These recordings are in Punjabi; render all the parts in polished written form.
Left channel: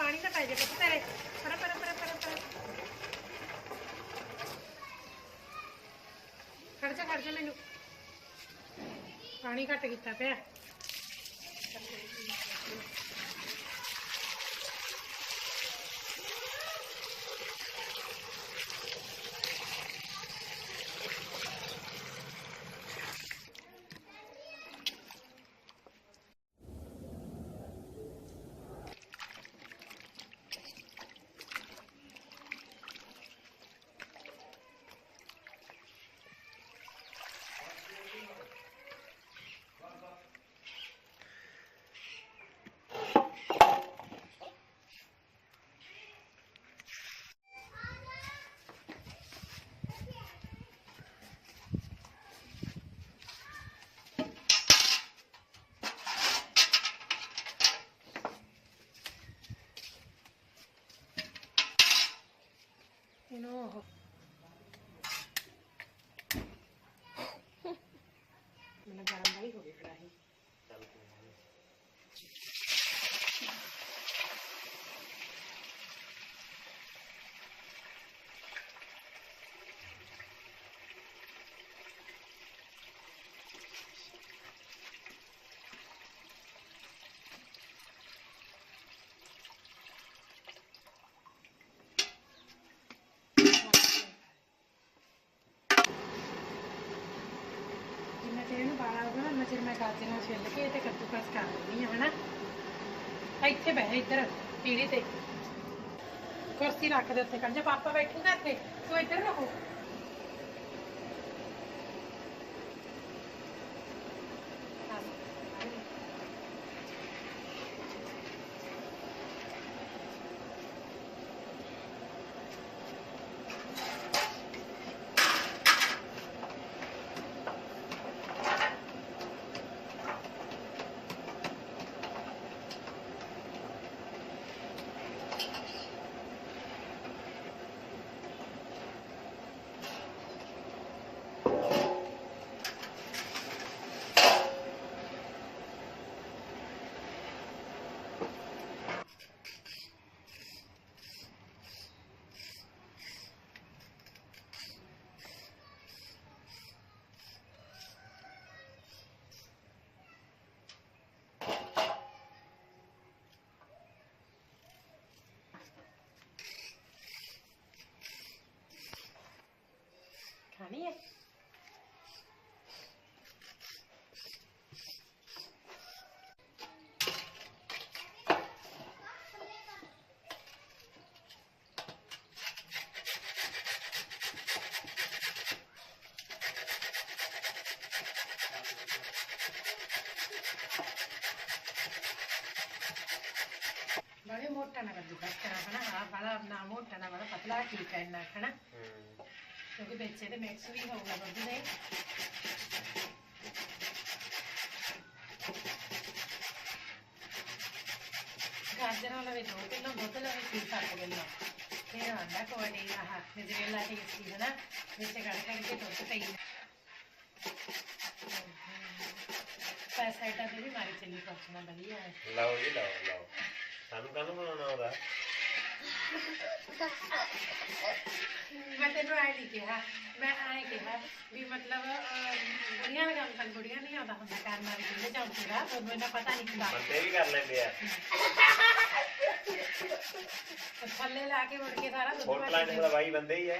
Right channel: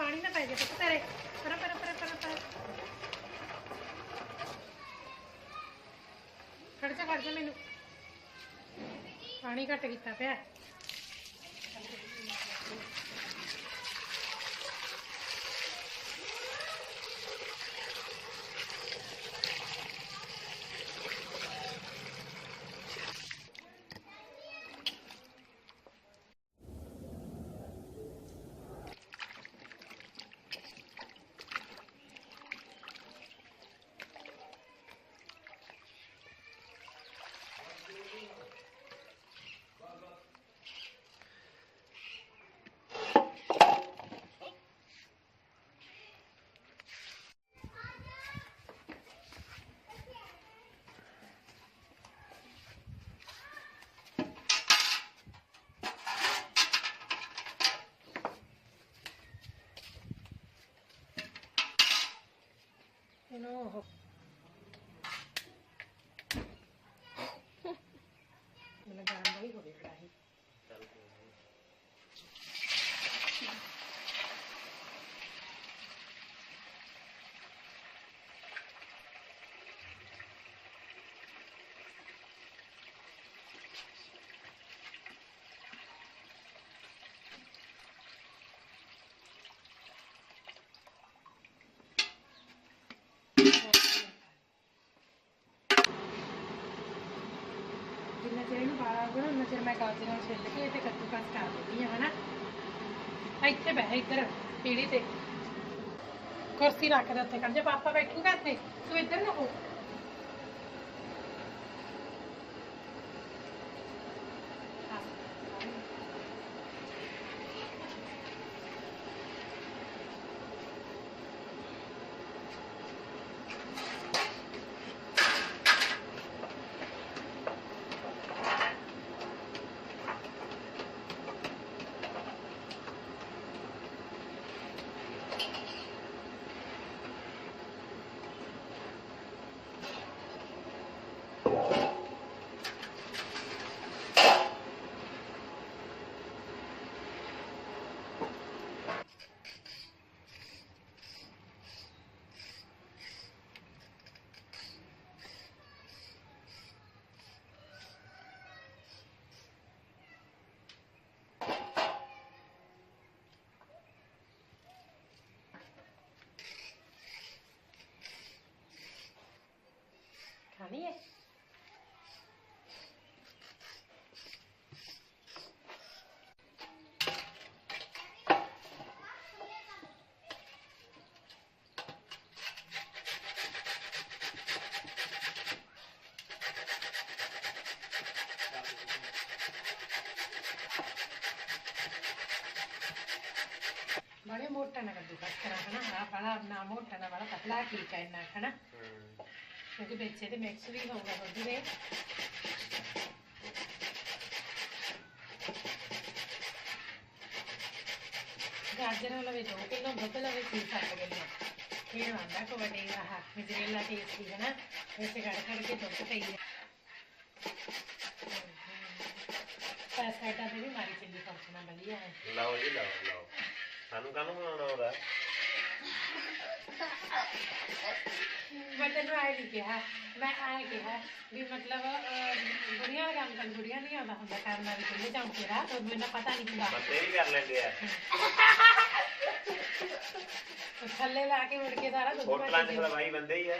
पानी ना पाए तेरे खड़ जा मैनू पानी घट किया पे No. मैंने गरम वाली हो गई कढ़ाई मैं गाजर छिल के ते कद्दूकस कर देनी है ना इत्थे बह इधर पीढ़ी ते कुर्सी रख दे उत्थे कर जा पापा बैठूगा इत्थे तू इधर ना हो खानी है बड़े मोटा ना कद्दूकस करा है ना बड़ा ना मोटा ना बड़ा पतला ठीक है इन्ना है ना क्योंकि बेचे तो मिक्स भी होगा दुध दे गाजर लवे 2 किलो दुध लवे 6-7 किलो फिर आंदा कोई हाथ गजरेला टेस्टी है ना वैसे कड़ के दुध पी पैसा तो भी मारी चिल्ली पहुंचना बढ़िया है लाओ जी लाओ सानू कानू बनाना होगा मैं तेन आए नहीं कहा मैं आए कहा भी मतलब बुढ़िया का काम कर बुढ़िया नहीं आता होंगे करना भी चूल्हे चौंके का तो मैंने पता नहीं किया भी कर लेंगे तो थल्ले ला के उड़ के सारा होटल के भाई बंदे ही है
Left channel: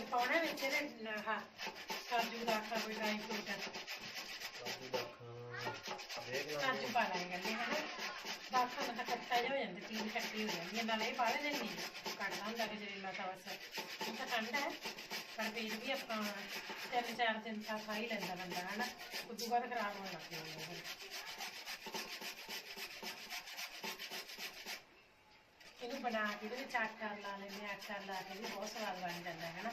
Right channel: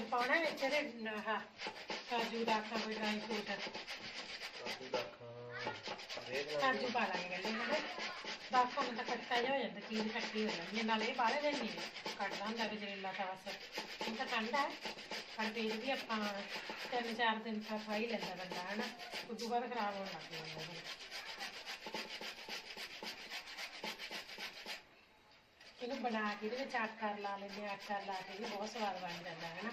ਕੁਝ ਪਾਉਣਾ ਵਿੱਚ ਇਹਦੇ ਆਹ ਕਾਜੂ ਦਾ ਆਟਾ ਕੋਈ ਡਰਾਈ ਫਰੂਟ ਕਾਜੂ ਪਾ ਲਾਂਗੇ ਕਹਿੰਦੇ ਹੈ ਨਾ ਬਾਖਾਂ ਨੂੰ ਤਾਂ ਕੱਚਾ ਜਿਹਾ ਹੋ ਜਾਂਦਾ ਚੀਜ਼ ਖੱਟੀ ਹੋ ਜਾਂਦੀ ਹੈ ਨਾਲੇ ਇਹ ਬਾਹਲੇ ਦਿਨ ਨਹੀਂ ਕੱਢਦਾ ਹੁੰਦਾ ਗਜਰੇਲਾ ਤਾਂ ਬਸ ਹੁਣ ਤਾਂ ਠੰਡਾ ਹੈ ਪਰ ਫਿਰ ਵੀ ਆਪਾਂ 3-4 ਦਿਨ ਤਾਂ ਖਾ ਹੀ ਲੈਂਦਾ ਬੰਦਾ ਹੈ ਨਾ ਉਦੋਂ ਬਾਅਦ ਖਰਾਬ ਹੋਣ ਲੱਗ ਜਾਂਦਾ ਇਹਨੂੰ ਬਣਾ ਕੇ ਇਹਦੇ ਵਿੱਚ ਆਟਾ ਲਾ ਲੈਂਦੇ ਆਟਾ ਲਾ ਕੇ ਵੀ ਬਹੁਤ ਸਵਾਦ ਬਣ ਜਾਂਦਾ ਹੈ ਨਾ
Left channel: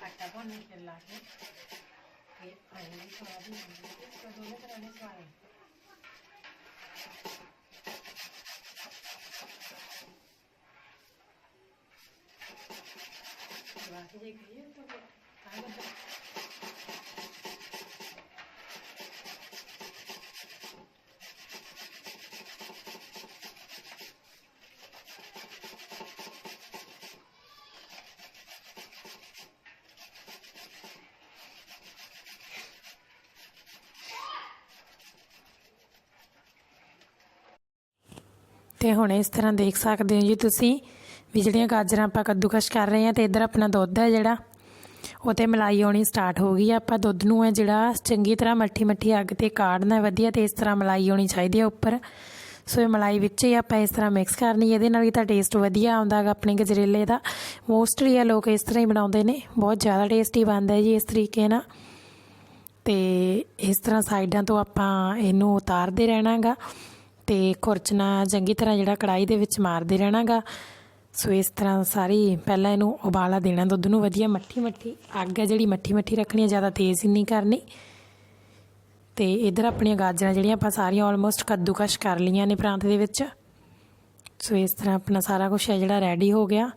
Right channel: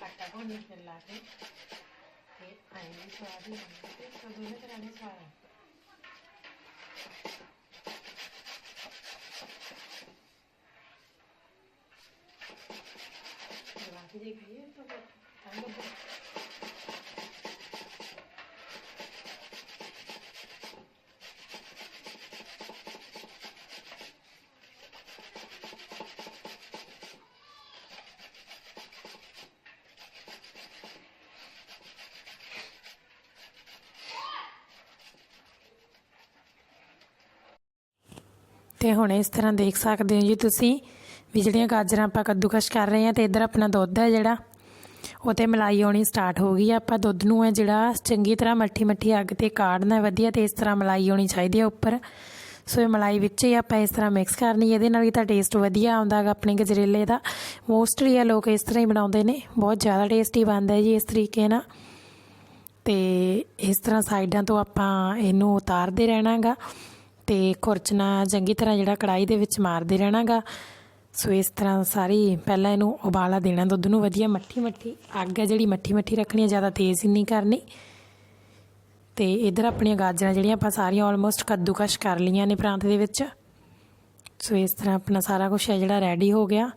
ਆਟਾ ਭੁੰਨ ਕੇ ਲਾ ਕੇ ਇਹ ਆਈ ਵੀ ਸਵਾਦ ਹੀ ਹੁੰਦੀ ਹੈ ਦੋਨੇ ਤਰ੍ਹਾਂ ਦੇ ਸਵਾਦ ਹੈ ਬਾਕੀ ਜੇ ਖਾਈਏ ਤਾਂ ਤਾਂ ਲੱਗਦਾ ਤੇ ਹੁਣ ਇਸ ਤਰ੍ਹਾਂ ਦੇਖ ਸਕਦੇ ਹੋ ਜੀ ਤੁਸੀਂ ਵੀ ਜਿਹੜੀਆਂ ਗਾਜਰਾਂ ਆਪਾਂ ਕੱਦੂਕਸ਼ ਕਰ ਰਹੇ ਹਾਂ ਤੇ ਇੱਧਰ ਆਪਣਾ ਦੁੱਧ ਹੈ ਜਿਹੜਾ ਉਹ ਤੇ ਮਲਾਈ ਆਉਣੀ ਸਟਾਰਟ ਹੋ ਗਈ ਆਪਾਂ ਦੁੱਧ ਨੂੰ ਹੈ ਜਿਹੜਾ ਚੰਗੀ ਤਰ੍ਹਾਂ ਮੱਠੀ ਅੱਗ ਤੇ ਕਾੜਨਾ ਵਧੀਆ ਤੇ ਇਸ ਤਰ੍ਹਾਂ ਮਲਾਈ ਆਉਣੀ ਚਾਹੀਦੀ ਹੈ ਉੱਪਰ ਸੋ ਇਹ ਮਲਾਈ ਵਿੱਚ ਹੀ ਆਪਾਂ ਇਸ ਤਰ੍ਹਾਂ ਮਿਕਸ ਕਰਨੀ ਇਹਦੇ ਨਾਲ ਹੀ ਤਾਂ ਟੇਸਟ ਵਧੀਆ ਆਉਂਦਾ ਗਾ ਆਪਣੇ ਗਜਰੇਲੇ ਦਾ ਮੋਸਟਲੀ ਆ ਲੋਕ ਇਸ ਤਰ੍ਹਾਂ ਹੀ ਬਣਾਉਂਦੇ ਨੇ ਬਹੁਤ ਜ਼ਿਆਦਾ ਟੇਸਟੀ ਬਣਦਾ ਜੀ ਇਸ ਤਰੀਕੇ ਨਾਲ ਤੇ ਇਸ ਤਰ੍ਹਾਂ ਸਾਈਡਾਂ ਤੋਂ ਆਪਾਂ ਇਹਨੂੰ ਉਤਾਰਦੇ ਰਹਿਣਾ ਗਾ ਤੇ ਖੁਰਚਣਾ ਚੰਗੀ ਤਰ੍ਹਾਂ ਜਿਹੜਾ ਕੜਾਈ ਦੇ ਵਿੱਚ ਮਾਰਦੇ ਰਹਿਣਾ ਗਾ ਸੋ ਇਸ ਤਰ੍ਹਾਂ ਸਾਰੀ ਪਹਿਲਾਂ ਇਹਨੂੰ ਉਬਾਲਾ ਦੇਣਾ ਦੁੱਧ ਨੂੰ ਵਧੀਆ ਮੱਠੀ ਅੱਗ ਹੈ ਜਿਹੜੀ ਮੱਠੀ ਰੱਖਣੀ ਹੈ ਜ਼ਿਆਦਾ ਤੇਜ਼ ਨਹੀਂ ਕਰਨੀ ਤੇ ਇੱਧਰ ਆਪਣੀਆਂ ਗਾਜਰਾਂ ਜਿਹੜੀਆਂ ਆਪਾਂ ਸਾਰੀਆਂ ਆਲਮੋਸਟ ਕੱਦੂਕਸ਼ ਕਰ ਲਈਆਂ ਨੇ ਪ੍ਰਾਂਤ ਦੇ ਵਿੱਚ ਸੋ ਇਸ ਤਰ੍ਹਾਂ ਆਪਣਾ ਸਾਰਾ ਕੁਝ ਹੈ ਜਿਹੜਾ ਰੈਡੀ ਹੋ ਗਿਆ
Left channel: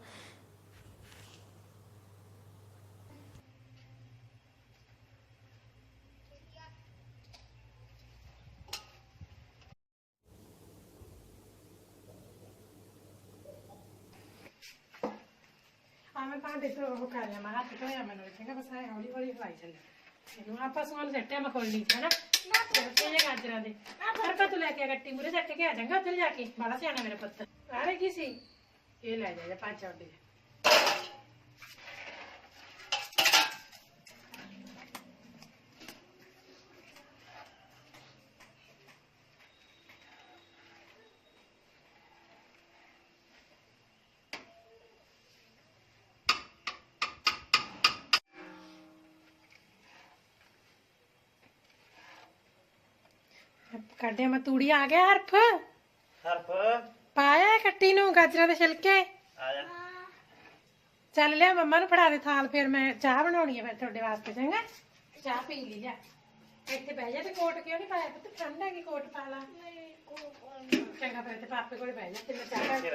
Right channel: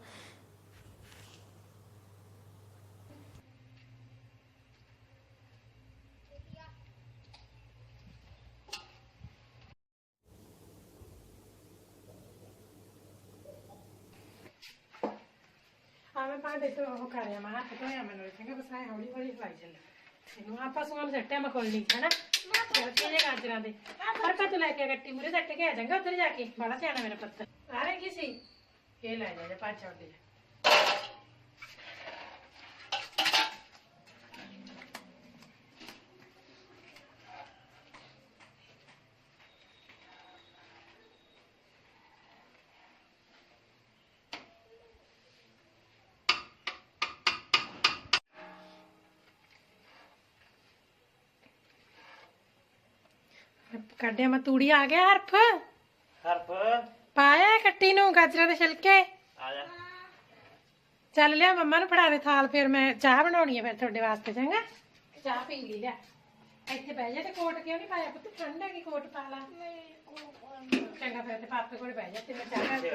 ਮੈਂ ਭਾਂਡੇ ਤੋਂ ਉਹ ਕਰਿਆ ਮੈਂ ਹੱਥ ਧੋਇਆ ਮੈਨੂੰ ਚੰਗਾ ਬਸ ਐ ਹੌਲੀ ਹਲਾਈ ਚੱਲ ਇਹਨੂੰ ਆਪਾਂ ਸੁਣ ਸੱਟਿਆ ਮੈਂ ਖੋਲਣੀ ਹੈ ਨਾ ਰੱਖੇ ਜੇ ਗਾਜਰਾਂ ਦੇ ਪਰ ਪਾ ਤੂੰ ਲੈ ਕੇ ਗੱਟੀ ਮੂਰੇ ਚੱਕ ਕੇ ਆ ਜਾਗਾ ਉੱਧਰ ਜਾ ਕੇ ਬੜਾ ਸਿਆਣਾ ਮੇਰਾ ਪੁੱਤ ਆ ਰਹੇ ਕੀ ਸੀ ਇਹ ਲੈ ਜਾ ਪੰਜ ਆਉਂਦੇ ਕੱਢਿਆ ਮੈਂ ਤੂੜੀ ਆ ਗਿਆ ਹਰਫ ਪਾਇਆ ਕੱਟੀ ਨੂੰ ਗਾਜਰਾਂ ਦੇ ਛਿਲਕੇ ਚੱਲ ਲਿਆ ਮੰਮਾ ਨੂੰ ਫੜਾ ਦੇ ਥਾਲ ਫਿਰ ਮੈਂ ਚਾਹ ਬਣਾਉਣੀ ਹੈ ਫਿਰ ਤੁਹਾਡੇ ਵਾਸਤੇ ਚੰਗਾ ਚਾਹ ਪੀ ਲਈ ਲਿਆ ਇੱਥੇ ਬਹਿ ਜਾ ਤੇ ਕੋਟ ਕਿਉਂ ਨਹੀਂ ਪਾਇਆ ਪੁੱਤ ਠੰਡ ਹੈਗੀ ਕੋਟ ਪਾ ਲਾ ਚੰਗਾ ਫਿਰ ਤੇ ਪਾਪੇ ਕੋਲ ਬਹਿ ਜਾ ਤੇ ਮੈਂ ਚਾਹ ਪੀ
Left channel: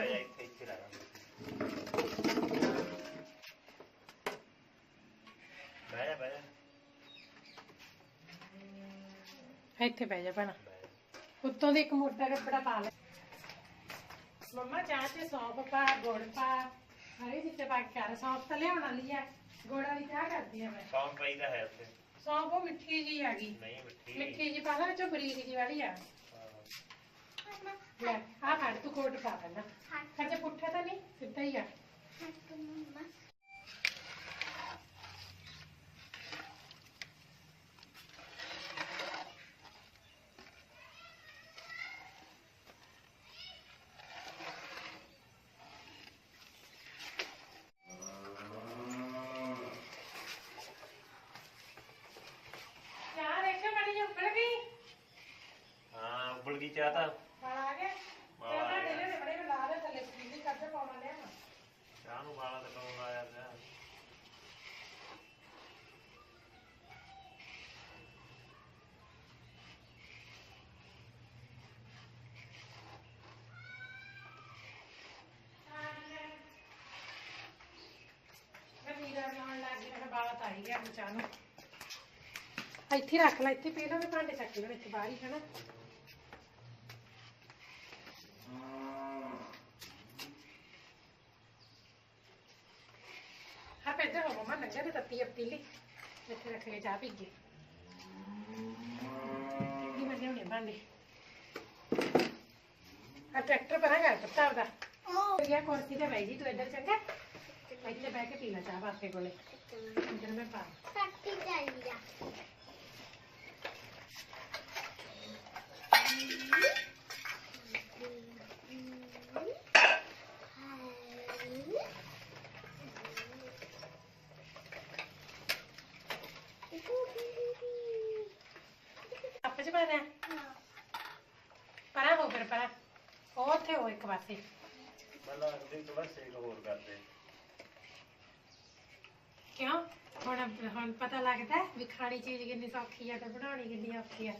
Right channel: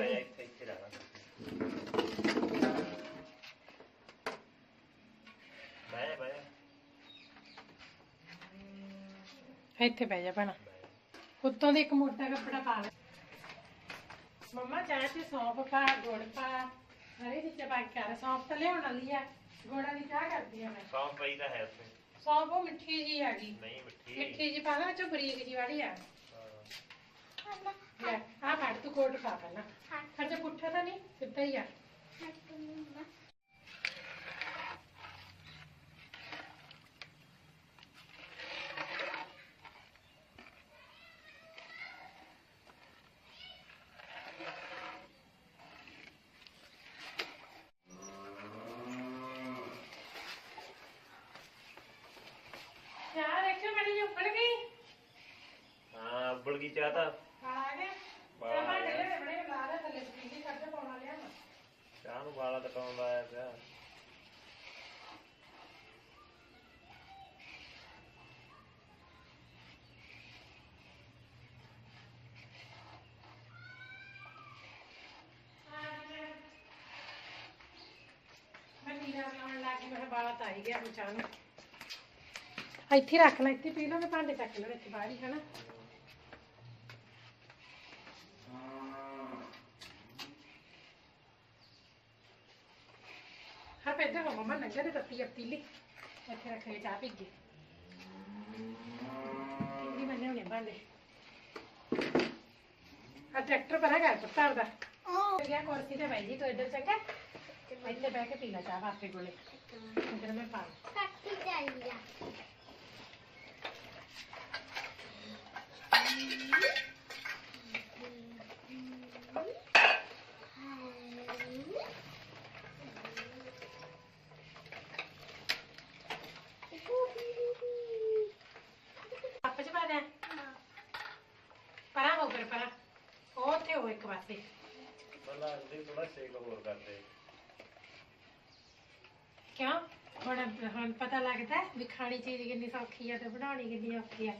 ਇੱਥੇ ਬਹਿ ਜਾ ਭੈਣਾ ਉੱਤੋਂ ਦੀ ਇੱਕ ਮੋਟਾ ਕੱਪੜਾ ਪਾ ਲੈ ਮੰਮਾ ਚਾਹ ਚ ਸੌਂਫ ਪਾ ਗੁੜ ਪਾ ਹਰੀ ਚੀਜ਼ਾਂ ਪਾ ਕੇ ਕਰ ਸੌਂਫ ਤਾਂ ਲਿਆਉਣ ਵਾਲੀ ਆ ਗੁੜ ਵਾਲੀ ਚਾਹ ਕਰਦੀ ਆ ਮੈਂ ਸੌਂਫ ਪਈ ਤਾਂ ਹੈ ਉੱਥੇ ਸੌਂਫ ਉਹ ਮਿੱਠੀ ਜੀ ਹੈਗੀ ਨਹੀਂ ਮਿੱਠੀ ਜੀ ਪਾ ਲਾ ਵਿੱਚੋਂ ਬਰੀਕ ਜੀ ਵਾਲੀ ਆ ਲੈ ਆ ਫੜ ਤੂੰ ਕੋਟ ਪਾ ਪਹਿਲਾਂ ਖਰਚੇ ਪੁੱਠੇ ਤਾਂ ਨਹੀਂ ਸਿੱਧਾ ਹੀ ਆ उबल गई चाह था चाह नूं वाला तो कौन लाया पिया ਇੱਥੇ ਰੱਖ ਲੈ ਇੱਥੇ ਪੀ ਲਓ ਭਾਂਡੇ ਚੱਕ ਲਓ ਇੱਥੇ ਬਾਹਰ ਹੀ ਹੈ ਨਾ हाँ पैदा हो मम्मा नंगा तो तत्ती अब पीली इतने रखे चाह पी गई नहीं बने होने भांडे हाँ ट्रैक्टर पर है घर पत्ता होता क्या कुर्सी ते भाई जी तो इधर चंगा इतने बह के पीला चाह पापे को इधर में पा आप जी बात है परा हो फिर परा और थे हो एक पासे मतलब दिन थोड़ा सेक और करते क्यों ਹੁਣ ਪਤਾ ਲੱਗਦਾ ਵੀ ਖਾਣੀ ਚੀਜ਼ ਕਿੰਨੀ ਸੌਖੀ ਆ ਤੇ ਬਣਾਉਣੀ ਕਿੰਨੀ ਔਖੀ ਆ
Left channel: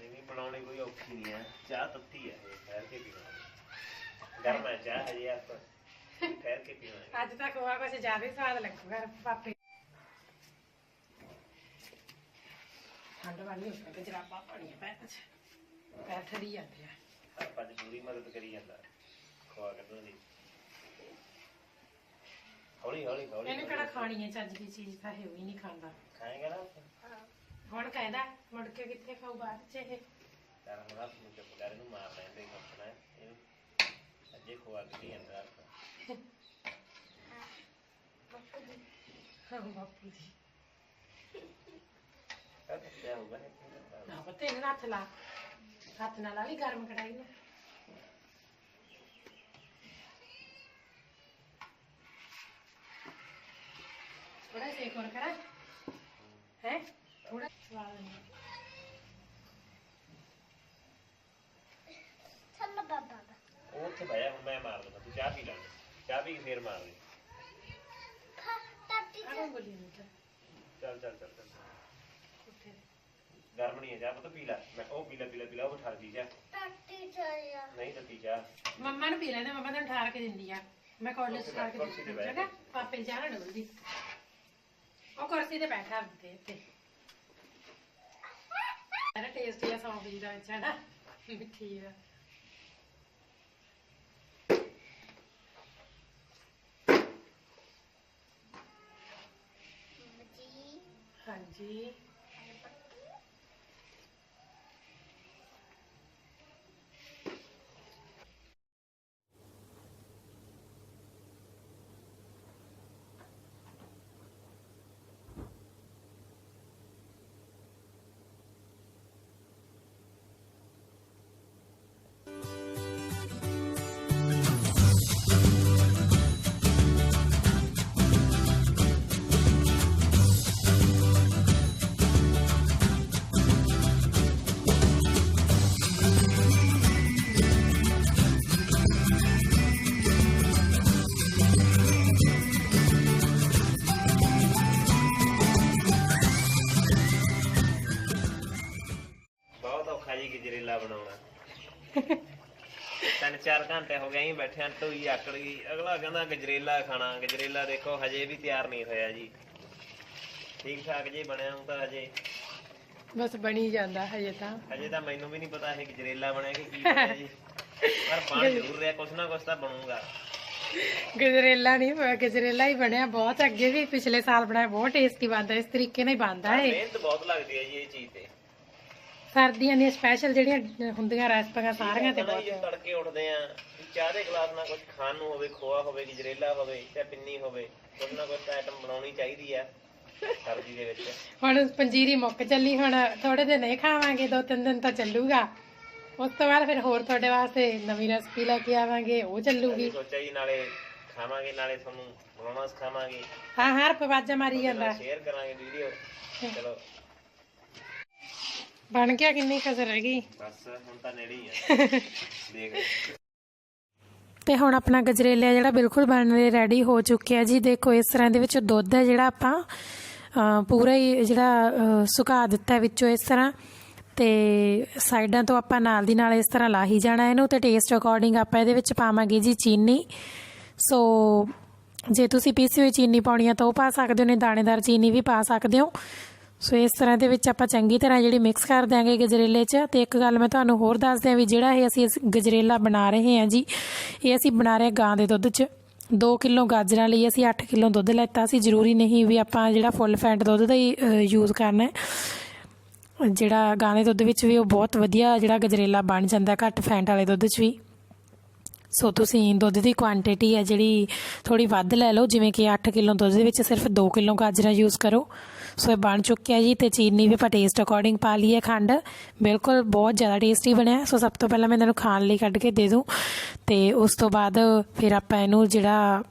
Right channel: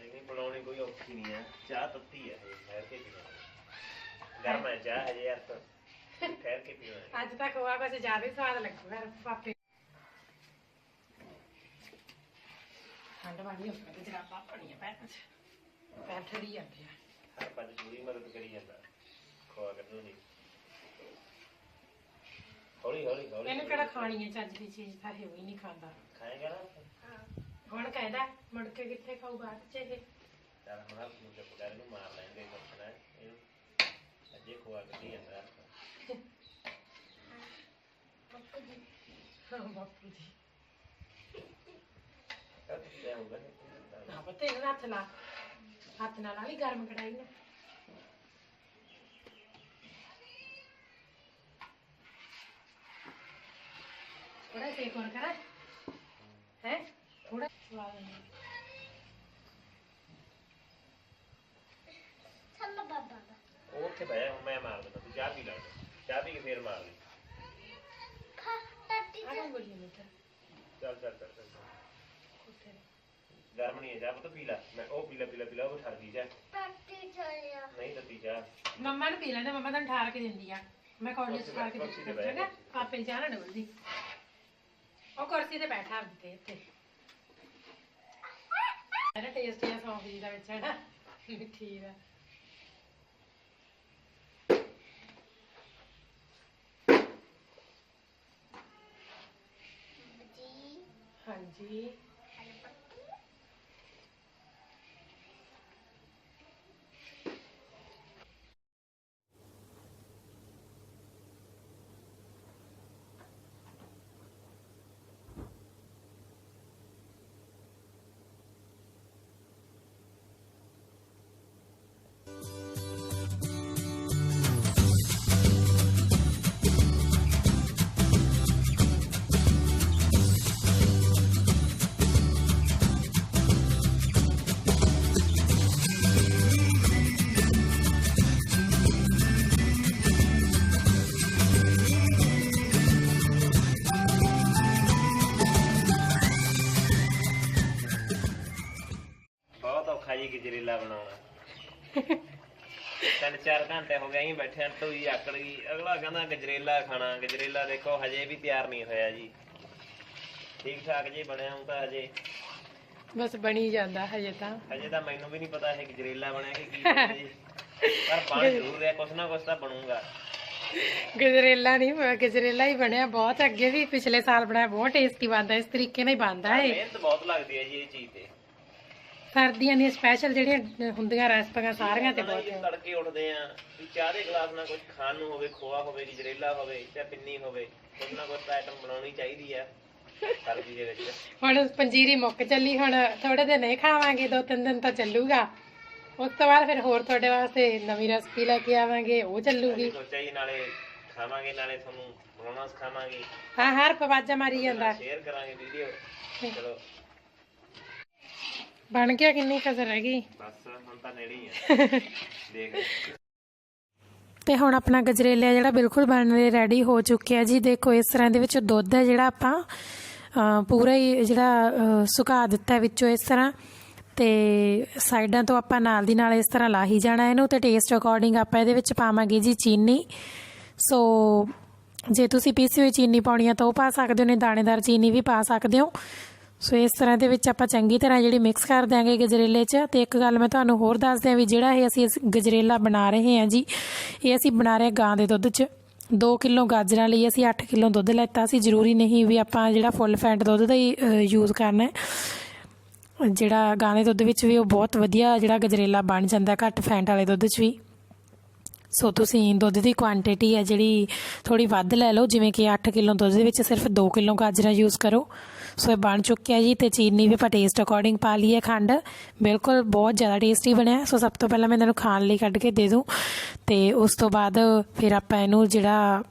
नहीं बनाने कोई औखी नहीं है चाह तत्ती है ठहर के पीना गर्म है चाह है यार तो ठहर के पीना ਅੱਜ ਤੱਕ ਹੋਆ ਕੁਝ ਜ਼ਿਆਦਾ ਹੀ ਸਵਾਦ ਲੱਗੂਗਾ ਪਾਪੇ ਠੰਡ ਵਾਲੀ ਹੋ ਗਈ ਜਰਾਬਾਂ ਪਾਣੀਆਂ ਪੈਰ ਠਰੀ ਜਾਂਦੇ ਆ हर पद पूरी मदद करी जाता खोआ करने दी हौली हौली हौली ਇਹਨੂੰ ਕਿਹੜਾ ਖਾਣੀ ਹੈ ਚੱਜ ਦੀ ਚੀਜ਼ ਤਾਂ ਇਹ ਵੀ ਨਹੀਂ ਖਾਂਦਾ खाएगा ना ਹੁਣ ਕਹਿੰਦਾ ਮੁੜ ਕੇ ਕਿੱਥੇ ਖਾਊ ਬਾਅਦ ਚ ਇਹ यार हम हाथ मुझे पुकार ਨੂੰ ਮਾਰ ਲੈਂਦੇ ਮੱਖਣਾ ਇਹ ਅੱਜੇ ਖੋਆ ਕਰੀ ਜਾਂਦਾ ਬਾਪੂ ਜੀ ਕਦ ਕੀ ਹੋਊਗਾ ਨਾ ਪਤਾ ਇਹਨਾਂ ਹੱਥ ਨਾਲ ਲਾ ਲਈ ਗਰਮ ਕੜਾਈ ਨੂੰ थोड़ा सेक और करा है थोड़ा स्वाद चलो बाबा ਉਹ ਉੱਥੇ ਬਹਿ ਜਾ ਮੈਂ ਮਾਰ ਦੂੰਗਾ ਤੂੰ ਚਾਹ ਪੀ ਲੈ ਚਾਹ ਪੀ ਕੇ ਫੇਰ ਮਾਰ ਲਈ टाटी आगे बोलिए नहीं ਚੱਲ ਚੱਲ ਚੱਲ ਗਰਮ ਨਹੀਂ ਹੈ ਚਾਹ ਪਤਾ ਪੀ ਲੈ ਮੈਂ ਉਹ ਪੀ ਲੈ ਉਹ ਠਰ ਪੀ ਜਾ टाटी चलिया ਨਹੀਂ ਤਾਂ ਪੀ ਚਾਹ मम्मा ने पी लेना मम्मा तो ठार के दिंदी आ मैं कॉलेज ठार के देती हूं जगह पापे ने चाह ना डोलदी ਉਹ ਕੁਰਸੀ ਤੇ ਬੈਠਾ ਹੁੰਦੇ ਇੱਥੇ ਅਰੇ ਟੇਸਟ ਇਹ ਸੌਂਫ ਜੀ ਦਾ ਵਿੱਚ ਹੈ ਨਾ ਮਿੱਠੀ ਦਾ जी ਹਾਂਜੀ ਗਜਰੇਲਾ ਬਣਾਉਣਾ 3-4 ਘੰਟੇ ਹੋ ਗਏ ਅਸੀਂ ਬੈਠੇ ਆਂ ਢੋਈ ਆਕੜ ਗਈ ਅਗਲਾ ਕਹਿੰਦਾ ਗਜਰੇਲਾ ਖਾਣਾ ਗਜਰੇਲਾ ਦੇਖੋ ਹਜੇ ਵੀ ਤਿਆਰ ਨਹੀਂ ਹੋਇਆ ਜੀ ਠੀਕ ਠਾਕ ਜੀ ਬਣਿਆ ਹੁਣ ਤਾਂ ਹਜੇ ਬਸ ਬਣੀ ਜਾਂਦਾ ਹਜੇ ਤਾਂ ਮੈਨੂੰ ਵੀ ਨਹੀਂ ਪਤਾ ਇਹ ਗਜਰੇਲਾ ਬਣਿਆ ਕਿ ਕੀ ਬਣਿਆ ਜੀ ਪਰ ਬਣ ਜ਼ਰੂਰ ਰਿਹਾ ਕੁਛ ਨਾ ਕੁਛ ਤਾਂ ਬਣੂਗਾ ਗਜਰੇਲਾ ਨਹੀਂ ਗਜਰੇਲਾ ਹੀ ਬਣਿਆ ਬਹੁਤ ਅੱਗੇ ਵੀ ਪਿਛਲੇ ਸਾਲ ਬਣਾਇਆ ਬਹੁਤ ਟੇਸਟੀ ਬਣਦਾ ਇਸ ਤਰੀਕੇ ਨਾਲ ਹੀ ਬਣਦਾ ਹੈ ਮਿਹਨਤ ਬਹੁਤ ਲੱਗਦੀ ਹੈ ਜੀ ਇਹ ਚੀਜ਼ ਤੇ ਸਰਦੀਆਂ ਦੀਆਂ ਸਪੈਸ਼ਲ ਜਿਹੜੀਆਂ ਹੁੰਦੀਆਂ ਰੈਸਪੀਆਂ ਸਾਰੀਆਂ ਤੇ ਬਹੁਤ ਤੜਕੇ ਉੱਠਦੇ ਆ ਚਾਹ ਦੇ ਗਲਾਸ ਨਾਲ ਕੁਝ ਖਾਣ ਨੂੰ ਹੋਵੇ ਖੋਆ ਹੋਵੇ ਗਜਰੇਲਾ ਹੋਵੇ ਜਾਂ ਪਿੰਨੀ ਹੋਵੇ ਕੁਝ ਨਾ ਕੁਝ ਆਈਟਮ ਬਣਾਉਣੀ ਚਾਹੀਦੀ ਆ ਸਰਦੀ ਦੇ ਵਿੱਚ ਹੁਣ ਪੰਜੀਰੀ ਮੁੱਕ ਚੱਲੀ ਹੁਣ ਥੋੜੇ ਦਿਨ ਨਹੀਂ ਖਾਵਾਂਗੇ 2-3 ਦਿਨ ਤਾਂ ਚੱਲੂਗਾ ਉਸ ਤੋਂ ਬਾਅਦ ਫਿਰ ਹੋਰ ਤੁਹਾਡੇ ਵਾਸਤੇ ਨਵੀਂ ਰੈਸਪੀ ਲੈ ਕੇ ਆਵਾਂਗੇ ਉਹ ਚੱਲੂਗੀ ਸੋਚਿਆ ਜੀ ਨਾਲੇ ਖਾਵਾਂਗੇ ਨਾਲੇ ਤੁਹਾਨੂੰ ਬਣਾਉਣਾ ਸਿਖਾਵਾਂਗੇ ਹਾਂ ਹਰ ਪਵਾਜਾ ਮਾਰੀ ਜਾਂਦਾ ਸ਼ੇਅਰ ਕਰਾਂਗੇ ਵੀਡੀਓ ਚਲੋ ਬਣ ਗਿਆ ਕਿੰਨੀ ਕਸਰ ਰਹਿ ਗਈ ਬਸ ਹੁਣ ਤਾਂ ਨੇੜੇ ਹੀ ਆ ਦੇਖ ਤੇ ਹੁਣ ਆਪਣਾ ਗਜਰੇਲਾ ਜਿਹੜਾ ਬਿਲਕੁਲ ਬਣਨ ਲਈ ਰੈਡੀ ਹੋ ਚੁੱਕਿਆ ਜੀ ਦੇਖੋ ਇਸ ਤਰ੍ਹਾਂ ਦੇ ਵਿੱਚ ਦੁੱਧ ਹੈ ਜਿਹੜਾ ਆਪਾਂ ਪੂਰਾ ਹੀ ਜਿਹੜਾ ਸੁਕਾ ਦਿੱਤਾ ਵਿੱਚੋਂ ਇਸ ਤਰ੍ਹਾਂ ਤੇ ਸਾਈਡਾਂ ਤੋਂ ਆਪਾਂ ਨਾਲ ਦੀ ਨਾਲ ਇਸ ਤਰ੍ਹਾਂ ਲਾਹੀ ਜਾਣਾ ਇਹਨੂੰ ਤੇ ਟੇਸਟ ਅਕੋਰਡਿੰਗ ਆਪਾਂ ਇਹਦੇ ਵਿੱਚ ਪਾਵਾਂਗੇ ਜੀ ਚੀਨੀ ਸੋ ਜੇ ਤੁਸੀਂ ਪੀਸੀ ਹੋਈ ਚੀਨੀ ਪਾਉਣੀ ਆ ਤਾਂ ਉਹ ਪਾ ਸਕਦੇ ਹੋ ਨੇ ਦਾਣੇਦਾਰ ਚੀਨੀ ਵੀ ਪਾ ਸਕਦੇ ਹੋ ਸੋ ਇਸ ਤਰ੍ਹਾਂ ਦੇ ਵਿੱਚ ਆਪਾਂ ਚੰਗੀ ਤਰ੍ਹਾਂ ਜਿਹੜੀ ਮਿਕਸ ਕਰ ਦਿਆਂਗੇ ਗਜਰੇਲੇ 'ਚ ਤੇ ਇੱਕ ਗੱਲ ਮੈਂ ਤੁਹਾਨੂੰ ਹੋਰ ਦੱਸ ਦਿਆਂ ਵੀ ਜਿਹੜਾ ਇਹ ਅਸੀਂ ਗਜਰੇਲਾ ਬਣਾ ਰਹੇ ਹਾਂ ਜੀ ਇਹ ਅਸੀਂ ਬਣਾ ਰਹੇ ਗਾਂ ਦੇ ਦੁੱਧ 'ਚ 2 ਕਿਲੋ ਗਾਜਰਾਂ ਲਈ ਅਸੀਂ 8 ਕਿਲੋ ਦੁੱਧ ਲੈਤਾ ਸੀ ਜ਼ਰੂਰੀ ਨਹੀਂ ਵੀ ਆਪਾਂ ਜਿਹੜਾ ਫੁੱਲ ਫੈਟ ਦੁੱਧ ਦਾ ਹੀ ਯੂਜ਼ ਕਰਨਾ ਹੈ ਜਿਹੜਾ ਗਾਂ ਦੇ ਦੁੱਧ ਵਿੱਚ ਵੀ ਉਹ ਬਹੁਤ ਵਧੀਆ ਜਿਹੜਾ ਗਜਰੇਲਾ ਬਣ ਜਾਂਦਾ ਘੱਟ ਫੈਟ ਵਾਲੇ ਦੁੱਧ 'ਚ ਵੀ ਸੋ ਤੁਸੀਂ ਦੁੱਧ ਦੀ ਕੁਆਂਟੀਟੀ ਹੈ ਜਿਹੜੀ ਥੋੜੀ ਵੱਧ ਲੈ ਲਓ, ਜਿਵੇਂ ਕਿ 8 ਕਿਲੋ ਦੁੱਧ ਦੇ ਵਿੱਚ ਸਿਰਫ 2 ਕਿਲੋ ਗਾਜਰਾਂ ਯੂਜ਼ ਕਰੋ। ਸੋ ਇਹ ਬਣ ਚੁੱਕਿਆ ਜੀ। ਤੇ ਚੀਨੀ ਵੀ ਆਪਾਂ ਟੇਸਟ ਅਕੋਰਡਿੰਗ ਪਾ ਲਈ ਹੈ, ਖੰਡ ਬਿਲਕੁਲ ਬਹੁਤ ਜ਼ਿਆਦਾ ਟੇਸਟੀ ਬਣਿਆ। ਸੋ ਸਭ ਤੋਂ ਪਹਿਲਾਂ ਮੈਂ ਇਹਨਾਂ ਨੂੰ ਖਾਣ ਲਈ ਕੱਢ ਕੇ ਦੇ ਦੂੰ, ਤੇ ਉਸ ਤੋਂ ਬਾਅਦ ਫਿਰ ਆਪਾਂ ਇਹਨੂੰ ਜਿਹੜਾ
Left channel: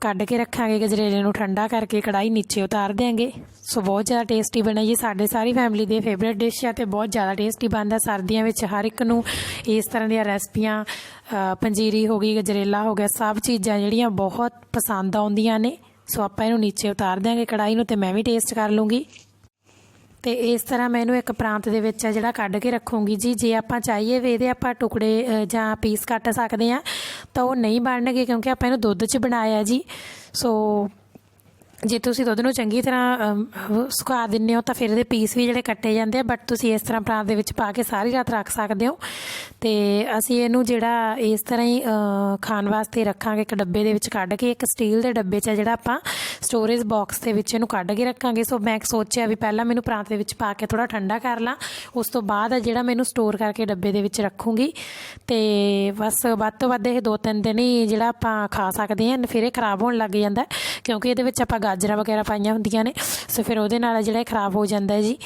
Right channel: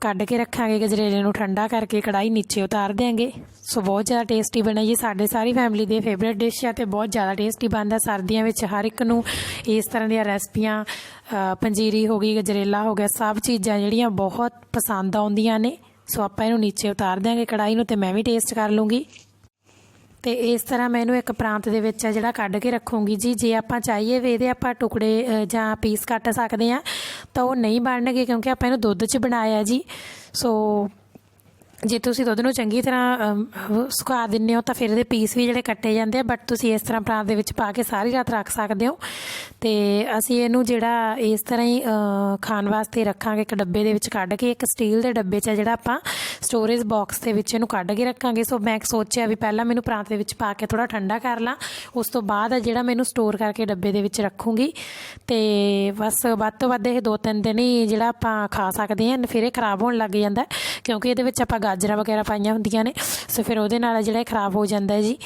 ਕੱਢ ਕੇ ਰੱਖਾਂਗੇ ਗਜਰੇਲੇ ਨੂੰ ਠੰਡਾ ਕਰਕੇ ਕੜਾਈ ਨੀਚੇ ਉਤਾਰ ਦਿਆਂਗੇ। ਸੋ ਬਹੁਤ ਜ਼ਿਆਦਾ ਟੇਸਟੀ ਬਣਿਆ ਜੀ, ਸਾਡੇ ਸਾਰੀ ਫੈਮਿਲੀ ਦੇ ਫੇਵਰੇਟ ਡਿਸ਼ ਹੈ ਤੇ ਬਹੁਤ ਜ਼ਿਆਦਾ ਟੇਸਟੀ ਬਣਦਾ। ਸਰਦੀਆਂ ਵਿੱਚ ਹਰ ਇੱਕ ਨੂੰ ਇਸ ਤਰ੍ਹਾਂ ਦੀਆਂ ਰੈਸਪੀਆਂ, ਪੰਜੀਰੀ ਹੋ ਗਈ, ਗਜਰੇਲਾ ਹੋ ਗਿਆ, ਸਭ ਚੀਜ਼ਾਂ ਜਿਹੜੀਆਂ ਬਹੁਤ ਪਸੰਦ ਆਉਂਦੀਆਂ ਨੇ। ਸੋ ਆਪਾਂ ਇਹਨੂੰ ਨੀਚੇ ਉਤਾਰ ਦਿਆਂਗੇ ਕੜਾਈ ਨੂੰ, ਤੇ ਮੈਂ ਵੀ ਟੇਸਟ ਕਰ ਲੂँਗੀ। ਤੇ ਇਸ ਤਰ੍ਹਾਂ ਮੈਂ ਇਹਨੂੰ ਇੱਕ ਪ੍ਰਾਂਤ ਦੇ ਵਿੱਚ ਜਿਹੜਾ ਕੱਢ ਕੇ ਰੱਖੂੰਗੀ ਜੀ। ਜੇ ਆਪਾਂ ਚਾਹੀਏ ਵੀ ਇਹਦੇ ਆਪਾਂ ਟੁਕੜੇ ਜਾਂ ਪੀਸ ਕੱਟ ਸਕਦੇ ਹਾਂ ਤਾਂ ਉਹ ਨਹੀਂ ਬਣਨਗੇ, ਕਿਉਂਕਿ ਆਪਾਂ ਇਹਨੂੰ ਦੁੱਧ 'ਚ ਬਣਾਇਆ ਜੀ। ਸੋ ਜੇ ਤੁਸੀਂ ਦੁੱਧ ਨੂੰ ਚੰਗੀ ਤਰ੍ਹਾਂ ਸੁਕਾ ਦਿੰਦੇ ਹੋ ਤਾਂ ਫਿਰ ਇਹਦੇ ਪੀਸ ਵੀ ਜਿਹੜੇ ਕੱਟੇ ਜਾਂਦੇ ਆ, ਬਟ ਤੁਸੀਂ ਇਸ ਤਰ੍ਹਾਂ ਪ੍ਰਾਂਤ ਦੇ ਵਿੱਚ ਪਾ ਕੇ ਸਾਰੀ ਰਾਤ ਰੱਖ ਸਕਦੇ ਹੋ। ਤੇ ਅਸੀਂ ਇਹਨੂੰ ਜਿਹੜਾ ਇਸ ਤਰ੍ਹਾਂ ਹੀ ਖਾਣ ਵਾਸਤੇ ਰੱਖਾਂਗੇ ਇੱਕ ਡੱਬੇ ਦੇ ਵਿੱਚ ਕੱਢ ਕੇ, ਇੱਕ ਸਟੀਲ ਦੇ ਡੱਬੇ 'ਚ ਜਿਹੜਾ ਆਪਾਂ ਸਟੋਰੇਜ ਬਾਕਸ ਦੇ ਵਿੱਚ ਇਹਨੂੰ ਕੱਢ ਕੇ ਰੱਖਾਂਗੇ। ਸੋ ਮੈਂ ਸੋਚਿਆ ਵੀ ਪਹਿਲਾਂ ਮੈਨੂੰ ਪ੍ਰਾਂਤ ਦੇ ਵਿੱਚ ਪਾ ਕੇ ਥੋੜ੍ਹਾ ਠੰਡਾ ਕਰ ਲਾਂ, ਉਸ ਤੋਂ ਬਾਅਦ ਜਿਹੜਾ ਮੈਨੂੰ ਸਟੋਰ ਕਰਕੇ ਡੱਬੇ ਦੇ ਵਿੱਚ ਰੱਖੂੰਗੀ। ਤੇ ਬਸ ਵੱਧ ਤੋਂ ਵੱਧ ਇਹ 2-3 ਦਿਨ ਹੀ ਜਿਹੜਾ ਆਪਾਂ ਖਾ ਸਕਦੇ ਹਾਂ, ਫਿਰ ਇਹ ਖਰਾਬ ਹੋਣ ਲੱਗ ਜਾਂਦਾ ਕਿਉਂਕਿ ਇਹਦੇ ਵਿੱਚ ਆਪਾਂ ਗਾਜਰਾਂ ਵਗੈਰਾ ਪਾਈਆਂ ਹੁੰਦੀਆਂ ਨੇ। ਸੋ ਫਿਰ ਉਹਦੇ ਨਾਲ ਜਿਹੜਾ ਖਰਾਬ ਹੋ ਜਾਂਦਾ ਜੀ।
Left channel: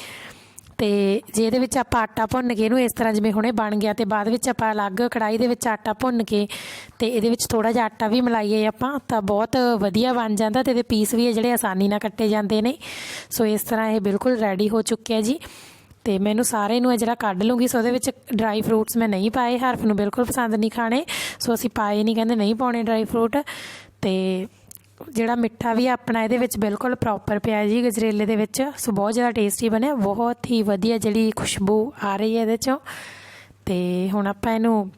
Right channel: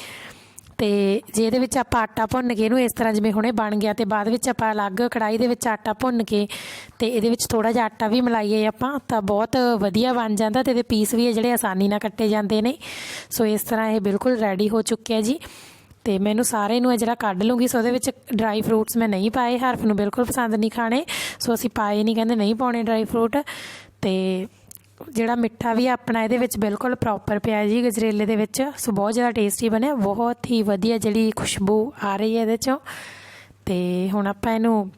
ਤੇ ਜੇ ਇਹਦੇ ਵਿੱਚ ਆਪਾਂ ਆਟਾ ਭੁੰਨ ਕੇ ਇਹਨੂੰ ਇਸ ਤਰ੍ਹਾਂ ਜਿਵੇਂ ਹੁਣੇ ਬਣ ਗਿਆ, ਤੇ ਬਾਅਦ ਵਿੱਚ ਆਪਾਂ ਅਲੱਗ ਕੜਾਈ ਦੇ ਵਿੱਚ ਆਟਾ ਭੁੰਨ ਕੇ ਤੇ ਇਹਦੇ ਵਿੱਚ ਥੋੜ੍ਹਾ ਜਿਹਾ ਆਟਾ ਵੀ ਮਿਲਾਈਏ ਆਪਾਂ, ਤਾਂ ਬਹੁਤ ਵਧੀਆ ਬਣ ਜਾਂਦਾ ਤੇ ਇਹਦੇ ਪੀਸ ਵੀ ਜਿਹੜੇ ਆਸਾਨੀ ਨਾਲ ਕੱਟੇ ਜਾਂਦੇ ਨੇ। ਸੋ ਇਸ ਤਰ੍ਹਾਂ ਇਹ ਬਿਲਕੁਲ ਰੈਡੀ ਹੋ ਚੁੱਕਿਆ ਜੀ। ਤੇ ਮੈਨੂੰ ਸਾਰੇ ਨੂੰ ਜਿਹੜਾ ਕੱਢ ਲੂँਗੀ। ਸੋ ਉਹਦੇ ਵਿੱਚ ਡਰਾਈ ਫਰੂਟਸ ਮੈਂ ਨਹੀਂ ਪਾਏ, ਹਰਫ ਨੂੰ ਬਿਲਕੁਲ ਪਸੰਦ ਨਹੀਂ ਖਾਣੇ, ਸੋ ਅਸੀਂ ਪਾਏ ਨਹੀਂ, ਕਹਿੰਦੇ ਨਹੀਂ ਪਾਉਣੇ ਡਰਾਈ ਫਰੂਟ। ਤੇ ਜਿਹੜਾ ਮਿੱਠਾ ਵੀ ਆਪਣਾ ਇਹਦੇ ਵਿੱਚ ਬਿਲਕੁਲ ਪ੍ਰੋਪਰ ਪਿਆ ਜੀ ਗਜਰੇਲੇ ਦੇ ਵਿੱਚ। ਸੋ ਬਹੁਤ ਜ਼ਿਆਦਾ ਟੇਸਟੀ ਬਣਿਆ, ਬਹੁਤ ਹੀ ਵਧੀਆ ਜਿਹੜੀ ਖੁਸ਼ਬੂ ਆ ਰਹੀ ਹੈ ਇਹਦੇ 'ਚੋਂ। ਤੇ ਹੁਣ ਆਪਾਂ ਇਹਨੂੰ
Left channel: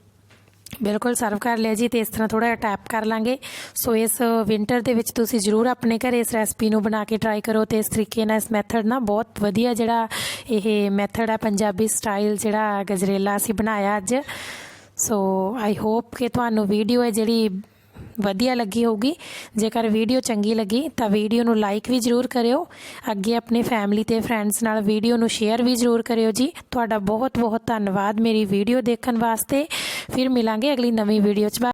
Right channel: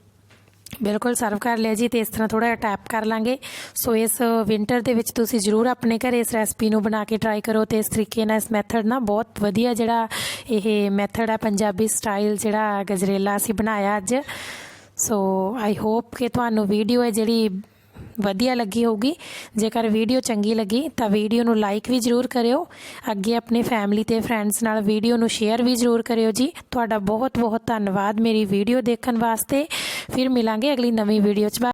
ਬਿਲਕੁਲ ਸਰਵ ਕਰ ਲਿਆ ਜੀ, ਤੇ ਇਸ ਤਰ੍ਹਾਂ ਥੋੜ੍ਹਾ ਜਿਹਾ ਟੈਪ ਕਰ ਲਾਂਗੇ। ਸੋ ਇਸ ਵਿੰਟਰ ਦੇ ਵਿੱਚ ਤੁਸੀਂ ਜ਼ਰੂਰ ਆਪਣੇ ਘਰ ਇਸ ਰੈਸਪੀ ਨੂੰ ਬਣਾ ਕੇ ਟਰਾਈ ਕਰੋ, ਤੇ ਇਸ ਤਰੀਕੇ ਨਾਲ, ਇਸ ਮੈਥਡ ਨਾਲ ਬਹੁਤ ਵਧੀਆ ਜਿਹੜਾ ਇਹ ਮੈਥਡ ਹੈ ਪੰਜਾਬੀ ਸਟਾਈਲ ਜਿਹੜਾ ਗਜਰੇਲਾ ਅਸੀਂ ਬਣਾਇਆ ਅੱਜ। ਸੋ ਆਈ ਹੋਪ ਕਿ ਤੁਹਾਨੂੰ ਵੀਡੀਓ ਹੈ ਜਿਹੜੀ ਵਧੀਆ ਲੱਗੀ ਹੋਊਗੀ। ਜੇਕਰ ਵੀਡੀਓ ਚੰਗੀ ਲੱਗੀ ਤਾਂ ਵੀਡੀਓ ਨੂੰ ਲਾਈਕ ਵੀ ਜ਼ਰੂਰ ਕਰਿਓ, ਅੱਗੇ ਆਪਣੇ ਫੈਮਿਲੀ ਤੇ ਫਰੈਂਡਸ ਨਾਲ ਵੀਡੀਓ ਨੂੰ ਸ਼ੇਅਰ ਵੀ ਜ਼ਰੂਰ ਕਰਿਓ ਜੀ। ਤੁਹਾਡਾ ਬਹੁਤ ਬਹੁਤ ਧੰਨਵਾਦ ਮੇਰੀ ਵੀਡੀਓ ਦੇਖਣ ਵਾਸਤੇ। ਫਿਰ ਮਿਲਾਂਗੇ ਅਗਲੀ ਨਵੀਂ ਵੀਡੀਓ 'ਚ।